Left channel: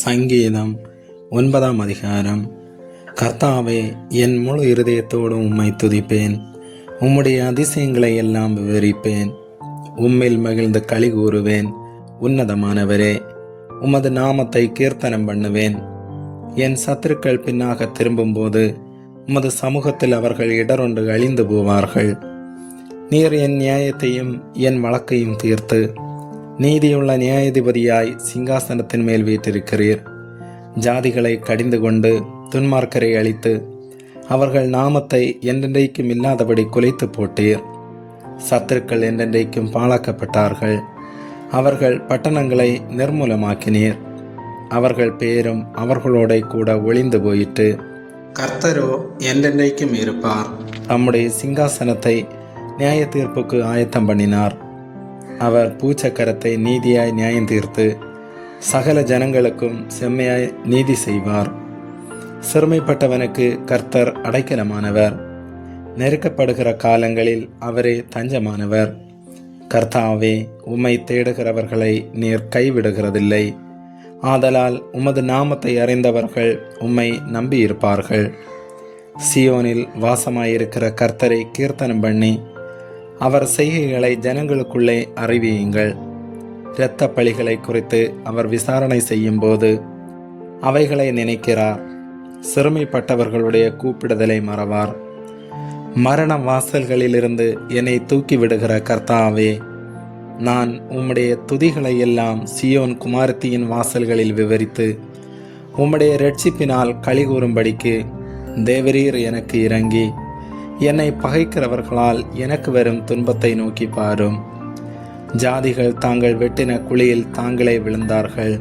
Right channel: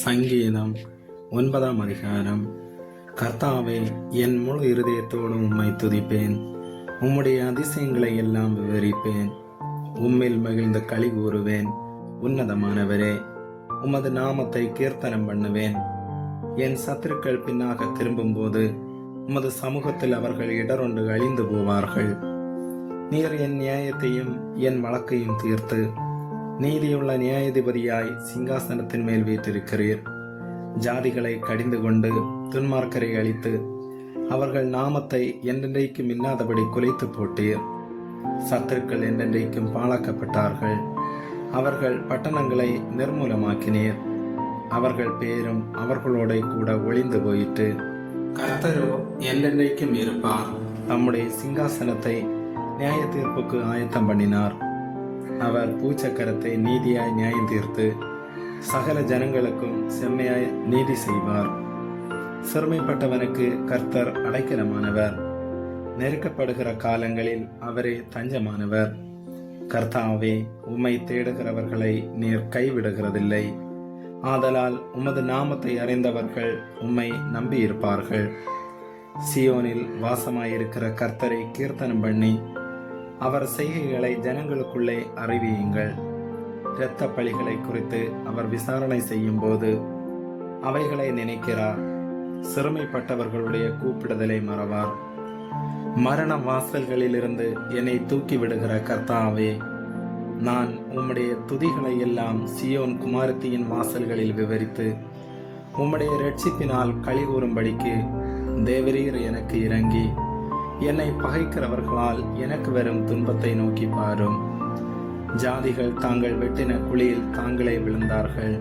சங்கீதம் 9ஆம் அதிகாரம். கர்த்தாவே, என் முழு இருதயத்தோடும் உம்மை துதிப்பேன். உம்முடைய அதிசயங்களை எல்லாம் விவரிப்பேன். உம்மில் மகிழ்ந்து களி கூறுவேன். உன்னதமானவரே, உமது நாமத்தை கீர்த்தனம் பண்ணுவேன். என் சத்துருக்கள் பின்னாக திரும்பும்போது உமது சமூகத்தில் அவர்கள் இடரொன்று அழிந்து போவார்கள். நீர் என் நியாயத்தையும் என் வழக்கையும் தீர்த்து நீதியுள்ள நியாயாதிபதியாய் சிங்காசனத்தின் மேல் வீற்றிருக்கிறீர். ஜாதிகளை கடிந்து கொண்டு துன்மார்க்கரை அழித்து அவர்கள் நாமத்தை என்றென்றைக்கும் இல்லாதபடி குலைத்து போட்டீர். சத்துருக்கள் என்றென்றைக்கும் பாழாக்கப்பட்டார்கள். அவர்கள் பட்டணங்களை நிர்மூலமாக்கினீர். அவர்கள் பேரும் அவர்களோட கூட ஒளிந்து போயிற்று. கர்த்தரோ என்றென்றைக்கும் இருப்பார். தம்முடைய சிங்காசனத்தை நியாய தீர்ப்புக்கு ஆயத்தம் பண்ணினார். அவர் பூச்சக்கரத்தை நீதியாய் நியாயம் தீர்த்து சகல ஜனங்களுக்கும் செம்மையாய் நீதி செய்வார். சிறுமைப்பட்டவனுக்கு கர்த்தர் அடைக்கலமானவர். நெருக்கப்படுகிற காலங்களில் அவரே தஞ்சமானவர். கர்த்தாவே, உம்மை தேடுகிறவர்களை நீர் கைவிடுகிறதில்லை. ஆதலால் உமது நாமத்தை அறிந்தவர்கள் உம்மை நம்பியிருப்பார்கள். சியோனில் வாசமாயிருக்கிற கர்த்தரை கீர்த்தனம் பண்ணி அவர் செய்கைகளை ஜனங்களுக்குள்ளே அறிவியுங்கள். இரத்த பழிகளை குறித்து அவர் விசாரணை செய்யும் போது அவைகளை நினைக்கிறார். சிறுமைப்பட்டவர்களுடைய கூப்பிடுதலை மறவார். மரண வாசல்களிலிருந்து என்னை தூக்கி விடுகிற கர்த்தாவே, நான் உம்முடைய துதிகளை எல்லாம் சியோன் குமாரத்தியின் வாசல்களில் விவரித்து உம்முடைய இரட்சிப்பினால் களி கூறும்படிக்கு தேவரீர் எனக்கு இறங்கி என்னை பகைக்கிறவர்களால் எனக்கு வரும் துன்பத்தை நோக்கி பாரும். ஜாதிகள் தாங்கள் வெட்டின குழியில் தாங்களே விழுந்தார்கள்.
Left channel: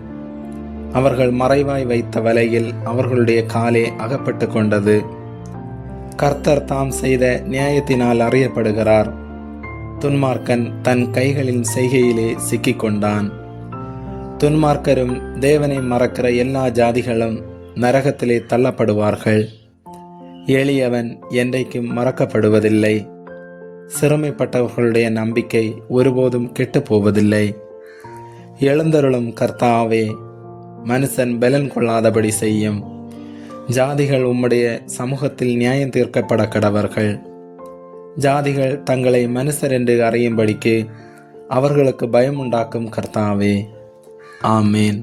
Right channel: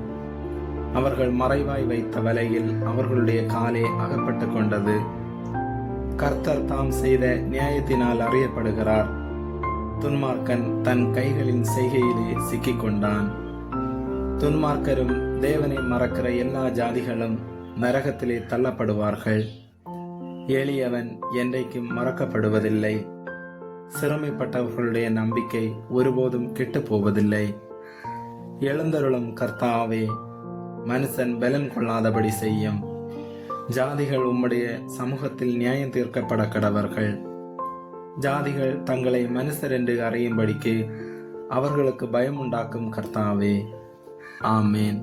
அவர்கள் மறைவாய் வைத்த வலையில் அவர்களுடைய காலே அகப்பட்டு கொண்டது. கர்த்தர் தாம் செய்த நியாயத்தினால் அறியப்படுகிறார். துன்மார்க்கன் தன் கைகளின் செய்கையிலே சிக்கிக்கொண்டான். துன்மார்க்கரும் தேவனை மறக்கிற எல்லா ஜாதிகளும் நரகத்திலே தள்ளப்படுவார்கள். எளியவன் என்றைக்கும் மறக்கப்படுவதில்லை. சிறுமைப்பட்டவர்களுடைய நம்பிக்கை ஒருபோதும் கெட்டு போவதில்லை. எழுந்தருளும் கர்த்தாவே, மனுஷன் பலன் கொள்ளாதபடி செய்யும். ஜாதிகள் உம்முடைய சமூகத்தில் நியாயம் தீர்க்கப்பட கடவர்கள். ஜாதிகள் தங்களை மனுஷர் என்று அறியும்படிக்கு அவர்களுக்கு பயம் உண்டாக்கும் கர்த்தாவே. ஆமேன்.